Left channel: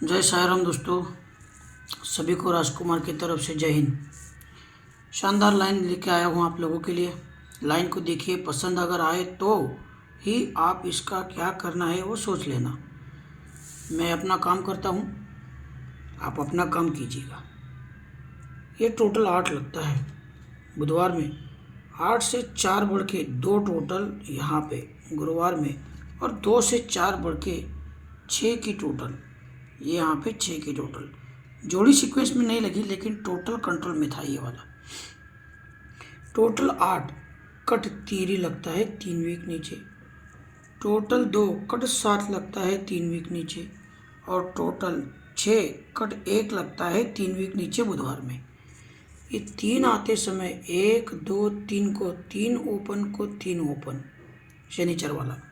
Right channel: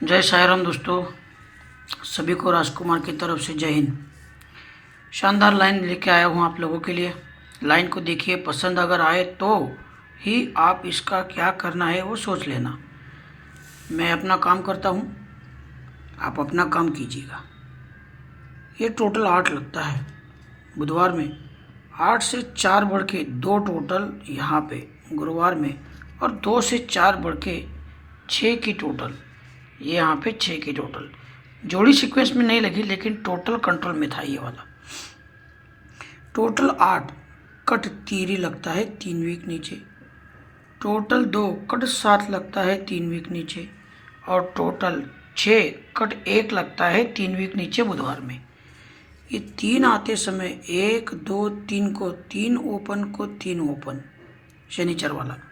जय साई राम दोस्तों, सभी को राजकुमार की तरफ से जय हिंद। शानदार लाइन लेके आया हूँ आप लोगों के लिए। लाइन को देखिए, पसंद अगर आए तो ही आप इसका क्या करना है वो सोच लेना। मैं अपना काम करता हूँ, आप अपना काम कीजिएगा। ये टोटल 8 लगता है बुधवार में, 8 से 4 बढ़ के 2 टोटल यहाँ पे गुरुवार में, और 2 से 4 बढ़ के 6 की टोटल ये यहाँ पे 6 की टोटल। जोड़ी सीक्वेंस में नहीं लगी लेकिन टोटल कंट्रोल में था ये वाला। टोटल 8 कट तीरी लगता है 3 वीक नीचे, टोटल 2 कट 7 लगता है 3 वीक नीचे, और टोटल 6 कट 1 लगता है 3 वीक नीचे बुधवार में। ये 3 आते समय 1 2 3 को 3 ओपन को 3 ओपन शनिचर वाला।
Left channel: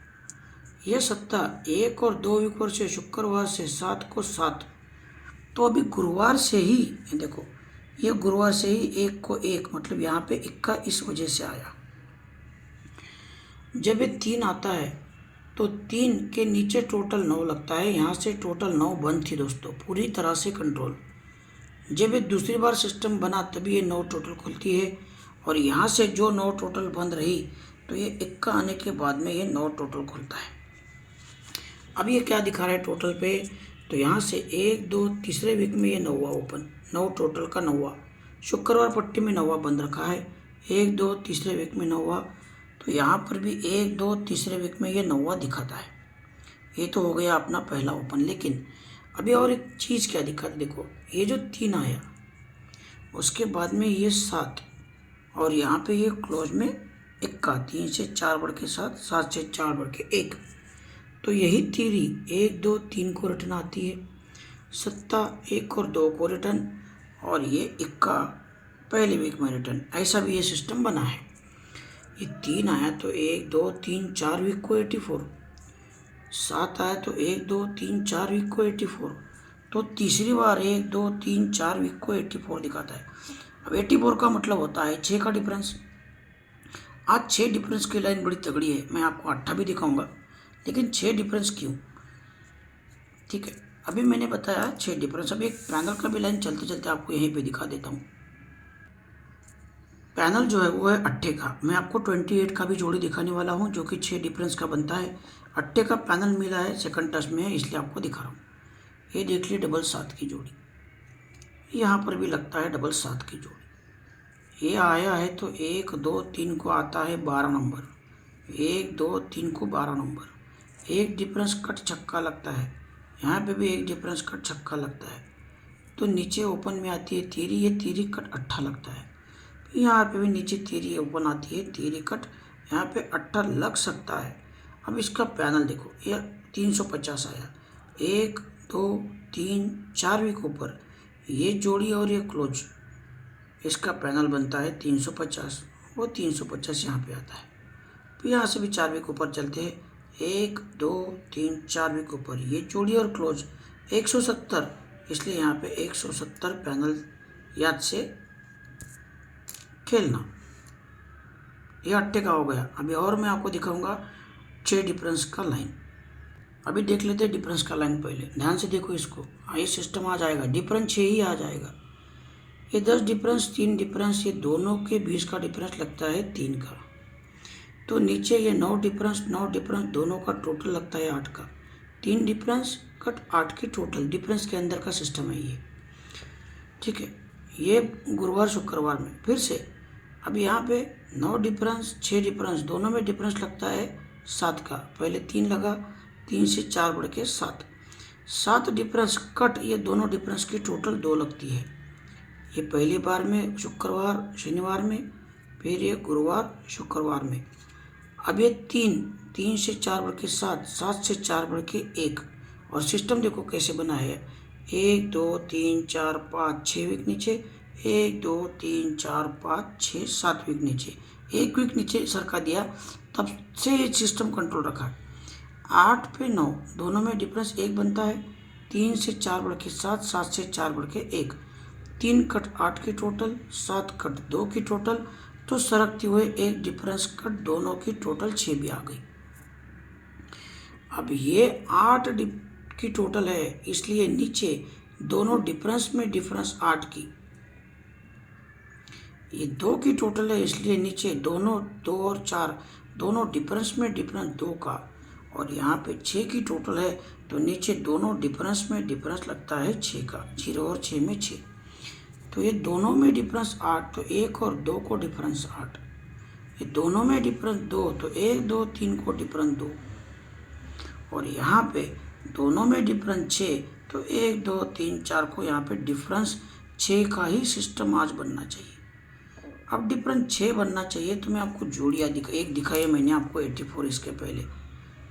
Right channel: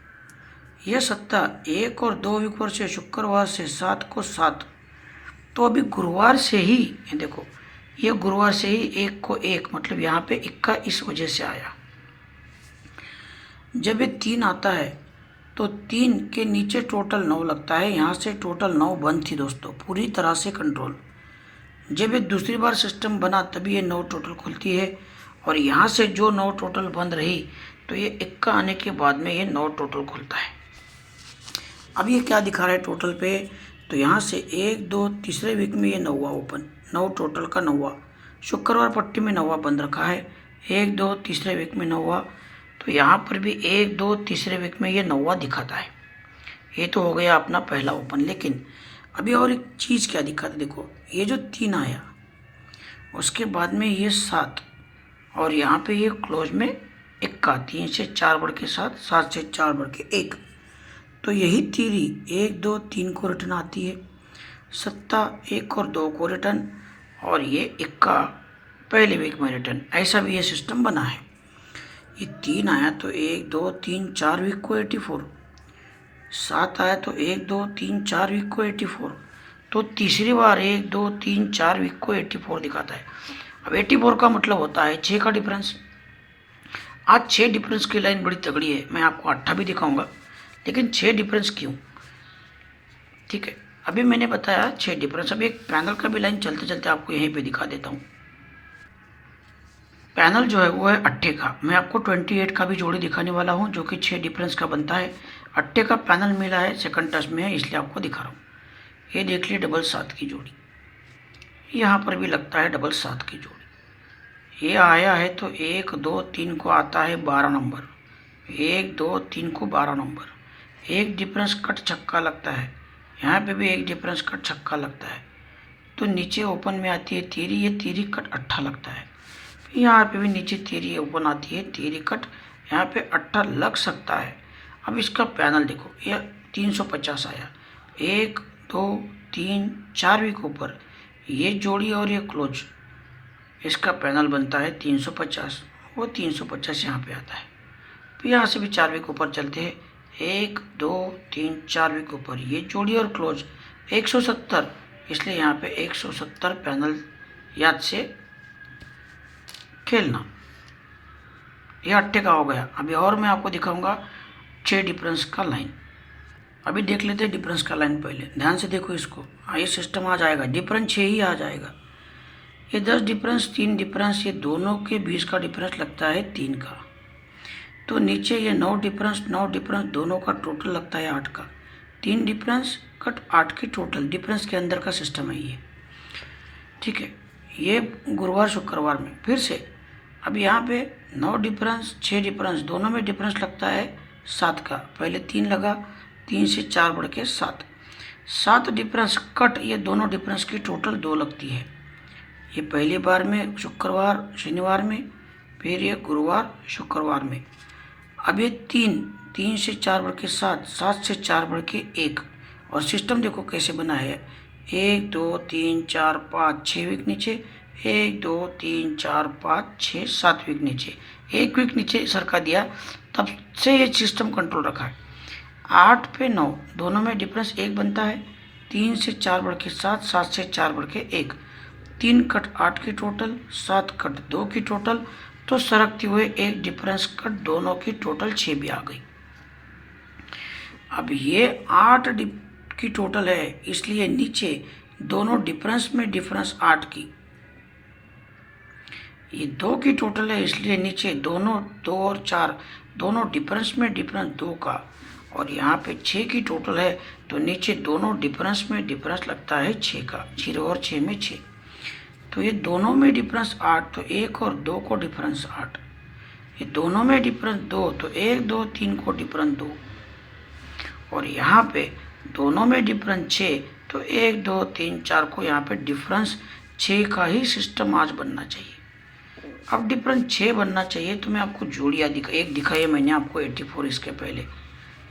यह सत्ता 1 और 2 वीक पर से शुक्रवार से 7 को 7। तो अभी गुरुवार से ही ये देखो, ये गुरुवार से ही 1 को 1 मतलब यहाँ पे 1 का इस वजह से आया। जब ये 3 आता है तो 3 के नीचे टोटल 9 लगता है, यहाँ से टोटल 9 बंद थी दोस्तों, पूरी तरह से कंट्रोल। जब ये दूसरी बार सिस्टम बना तभी ये 9 टोटल खुलती है, और यहाँ से जो 9 टोटल बंद रही तो ये 1 का आने के बाद में ये 9 टोटल खुलता है। अब ये क्या दिखा रहा है टोटल पे, तो यहाँ से 1 2 तीसरे वीक में ये 9वां ओपन, 9 टोटल का 9वां। शुक्रवार पट्टी में 9वां बंद रखा है, 1 2 तीसरे वीक में 9वां, तो यहाँ पर भी 1 2 तीसरे वीक में ये 9वां दिखाता है। ये तो हो गया अपना पहला ओपन। लेकिन अभी और एक चीज़ क्या दिखाता है, देखो ये जो 3 आया उसके बाद में ये 7, और यहाँ पे ये क्लोज में 1 का 3 से 4 बढ़ के 7, 7 से 4 बढ़ के 1। तो यही तीरी 1 2 3 को रिटर्न आती है, सत्ता 1 और 2 को रिटर्न, और ये 1 का पहले वीक में रिटर्न। ऐसा भी ये सिस्टम बना है। ये 3 आया तो 1 2 3 4 वीक को 84, 7 आया तो 1 2 3 4 वीक को 84, तो तीसरी बार 1 2 3 4 वीक को 84 दिखाता है। अब 84 का मतलब होता है 6 का डिफरेंस। आज 6 डिफरेंस की लाइन बड़ी तगड़ी है, मैं आपको 8 भी दिखाऊंगा, लेकिन 6 डिफरेंस क्यों, ठीक है। अभी मैंने बताया 6 डिफरेंस। अभी एक पैनल का भी लाइन चलते चलते आपको यहीं पे दिखा देता हूँ। पैनल जो है वो है 8 का, मैं आपको 28 का भी जोड़ी दिखाने वाला हूँ जो कि 6 डिफरेंस का बनता है। 8 का पैनल मिला है, सेकंड टच में है इसलिए आपको दिखा रहा हूँ। ये देख लीजिए डबल 7 की जोड़ी, यहाँ पर भी लगता है डबल 7 की जोड़ी। ये आया है तो 1 2 3 को आता है 12 नंबर, 1 2 3 को 12 नंबर। एक डिफरेंस कट छक्का लगता है, यहाँ पे भी एक डिफरेंस कट छक्का लगता है, तो नीचे ओपन में आती है तीरी, ये तीरी कट 8 लगता है। यहाँ पे भी नीचे तीरी ओपन आती है, तीरी कट, यहाँ पे 8 लग सकता है। अब इसका पैनल देखो, ये 350 आया, 1 2 3 4 वीक ऊपर ये जोड़ी और ये क्लोज, इसका पैनल बनता है 350, वो 350 यहाँ पे आता है। तो यहाँ से भी 4 वीक ऊपर चलते हैं, 1 2 3 4 वीक ऊपर ये जोड़ी और क्लोज 170, इसलिए यहाँ पे 170 पैनल याद से खेलना। ये 8 का हो गया। अभी और मैं आपको दिखाऊंगा 6 डिफरेंस का लाइन। अभी देख लेते हैं डिफरेंस का लाइन, पहले ध्यान से देखो इसको। ये सिस्टम आ जाएगा, डिफरेंस 6 ही आ जाएगा। ये 10 डिफरेंस 3 डिफरेंस, ये दोनों के 20 का डिफरेंस लगता है 3 का। तो नीचे ये 9 डिफरेंस दोनों का टोटल लगता है 8 का। 3 डिफरेंस कट 8 की टोटल डिफरेंस के अंदर का सिस्टम है ये, ठीक है। ये गुरुवार शुक्रवार में फिर से अब यहाँ पे 9 डिफरेंस 6 डिफरेंस दोनों में डिफरेंस लगता है 7 का। पहले 3 लगा, 3 से 4 बढ़ के 7, 7 डिफरेंस कट, ये दोनों डिफरेंस की टोटल 2 लगती है। ये पहली बार में शुक्रवार शनिवार में, फिर ये गुरुवार शुक्रवार में। अब ये 3 से 4 बढ़ के 7, 7 से 4 बढ़ के 1, और सिस्टम देखो कैसे बना है, 1 2 3 4 5 6 वीक नीचे, 1 2 3 4 5 6 7 वीक नीचे, 1 वीक नीचे सरका दिया, तब से ये सिस्टम कंट्रोल रखा है। 8 पे 9 दोनों में डिफरेंस 1 बनता है, 3 से 4 बढ़ के 7, 7 से 4 बढ़ के 1, 3 कट 8 की टोटल, 7 कट 2 की टोटल, तो सरकते हुए एक डिफरेंस कट दोनों की टोटल 6 भी आ गई। अब ये 8 की टोटल है, इसलिए नीचे दोनों डिफरेंस में डिफरेंस 8 की। ये 2 की टोटल है, इसलिए नीचे दोनों 2 और 4 दोनों डिफरेंस में डिफरेंस 2 का। और यहाँ पे 6 की टोटल है, तो नीचे दोनों डिफरेंस में डिफरेंस लगता है 6 का। 0 और 6 में 6, तो ये दोनों में डिफरेंस 8, तो 1 और 2 को डिफरेंस 8। ये दोनों में डिफरेंस 2, तो 1 2 3 को डिफरेंस 2। और यहाँ पे दोनों में डिफरेंस 6, तो 1 2 3 4 को यहाँ पे डिफरेंस 6 का ही सिस्टम आज बनना चाहिए। अब डिफरेंस 6 बनना चाहिए, तो मैं आपको जोड़ियाँ एक दिखाई है मैंने आपको 84 इसके पहले,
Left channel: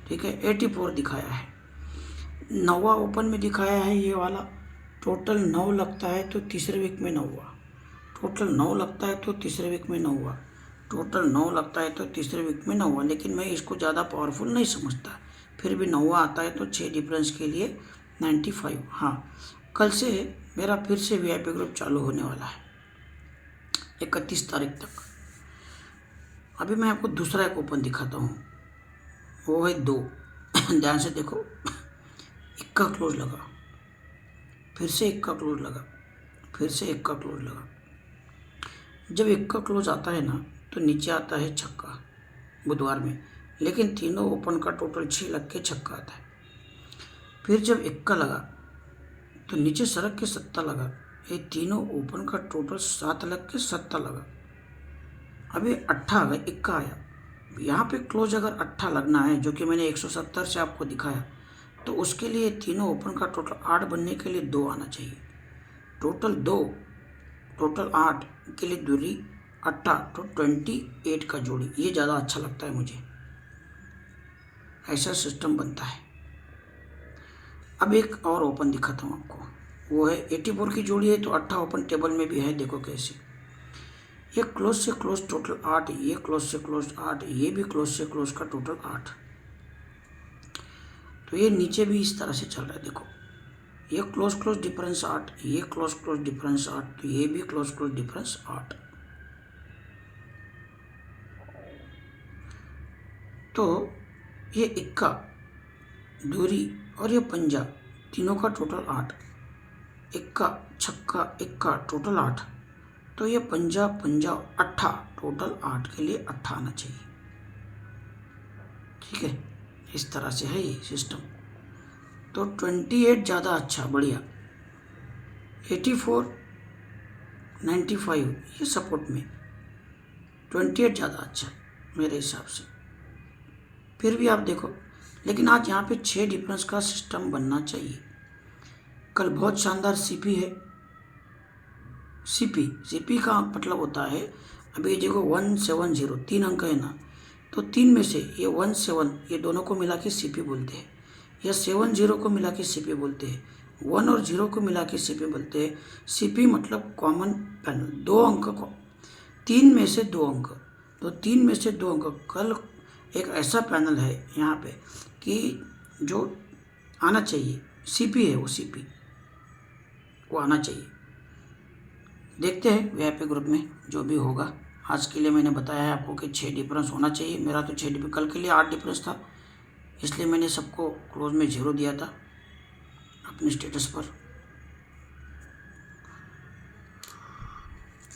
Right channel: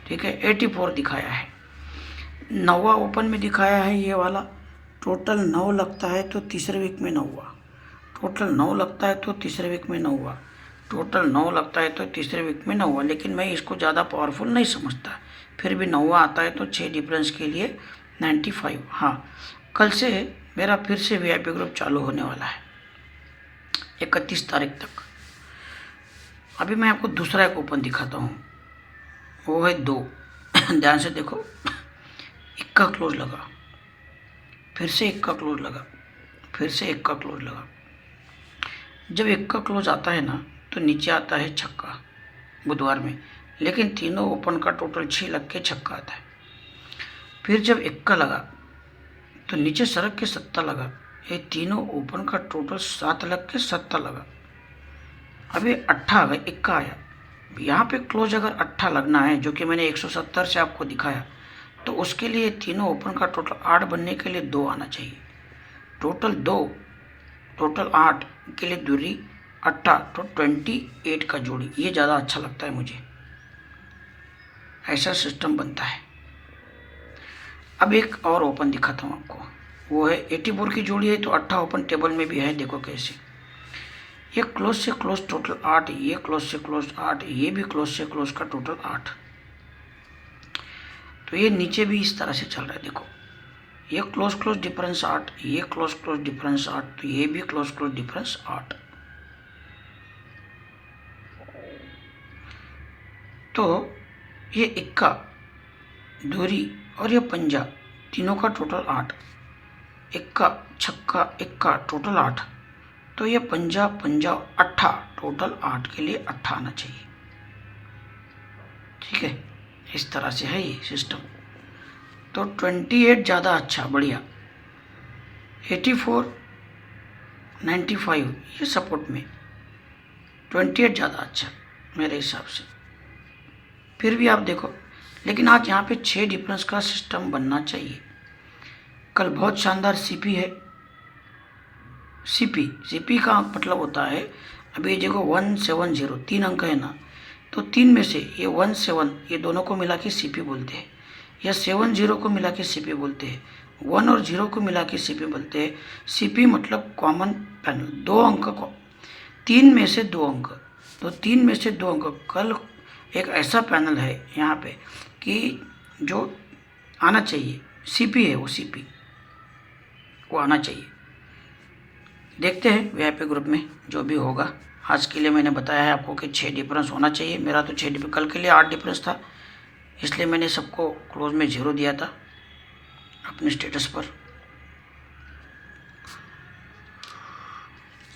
ठीक है, 84 दिखाया है। 9वां ओपन में दिखाया है ये वाला। टोटल 9 लगता है तो तीसरे वीक में 9वां, टोटल 9 लगता है तो तीसरे वीक में 9वां, टोटल 9 लगता है तो तीसरे वीक में 9वां। लेकिन मैं इसको ज़्यादा पावरफुल नहीं समझता, फिर भी 9वां आता है तो 6 डिफरेंस के लिए 95। हाँ, कल से मेरा फिर से VIP ग्रुप चालू होने वाला है 31 तारीख तक। अभी मैं आपको दूसरा एक ओपन दिखाता हूँ, वो है 2। ध्यान से देखो, 1 का क्लोज लगा, फिर से 1 का क्लोज लगा, फिर से 1 का क्लोज लगा। जब 1 का क्लोज आता है ना, तो नीचे आता है छक्का बुधवार में, लेकिन तीनों ओपन का टोटल 6 लग के छक्का आता है। फिर जब 1 का लगा तो नीचे सड़क के 7 लगा, ये तीनों ओपन का टोटल 7 लग के 7 लगा। अभी 8 आ गया, 1 का आया। यहाँ पे क्लोज अगर 8 लगना है, जो कि मैंने 170 से आपको दिखाया, तो उसके लिए तीनों ओपन का टोटल 8 बनने के लिए 2 आना चाहिए। टोटल 2, टोटल 8 के लिए दूरी 8, तो 28 का जोड़ी, ये ज़्यादा अच्छा लगता है मुझे, ऐसा सिस्टम बनता है। अब एक और ओपन दिखाता हूँ आपको, वो है 84 की जोड़ी है, तो 8 ओपन टेबल में भी है, देखो कैसे। ये क्लोज से क्लोज टोटल 8, ये क्लोज से क्लोज 8, ये भी क्लोज से क्लोज का टोटल 8। तो ये नीचे भी इस तरह से चल रहा है, देखो, ये क्लोज क्लोज डिफरेंस 8, ये क्लोज क्लोज डिफरेंस 8, तो ये भी क्लोज क्लोज डिफरेंस 8। तो ये 1 का दूरी और ये पंजा, तीनों का टोटल 8, 1 का छक्का 1 का टोटल 8, तो ये पंजा पंजा 8, टोटल 8 के लिए 8 आना चाहिए, ठीक है। इस तरह से है ये सिस्टम। तो 28 ज़्यादा अच्छा, बढ़िया। 84 95 ये सपोर्ट में, 28 ज़्यादा अच्छा मेरे हिसाब से। फिर भी आप देखो, लेकिन आज यहाँ पे 6 डिफरेंस का सिस्टम बनना चाहिए। कल बहुत शानदार CP है। CP का मतलब होता है, अभी देखो 170 3 अंक है ना, तो 3 में से ये 17, ये दोनों को मिला के CP बोलते हैं, या 70 को मिला के CP बोलते हैं, 1 और 0 को मिला के CP बोलते हैं। CP मतलब कॉमन पैनल, 2 अंक को, 3 में से 2 अंक, तो 3 में से 2 अंक। कल एक ऐसा पैनल है यहाँ पे कि जो आना चाहिए, CP है वो, CP वो आना चाहिए। देखते हैं VIP ग्रुप में जो भी होगा। आज के लिए मैंने बताया है आपको कि 6 डिफरेंस होना चाहिए। मेरा तो 6 डिफरेंस, कल के लिए 8 डिफरेंस था, इसलिए मैंने सबको क्लोज में 0 दिया था अपने स्टेटस पर।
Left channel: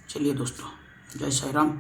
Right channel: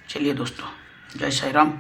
चलिए दोस्तों, जय साई राम।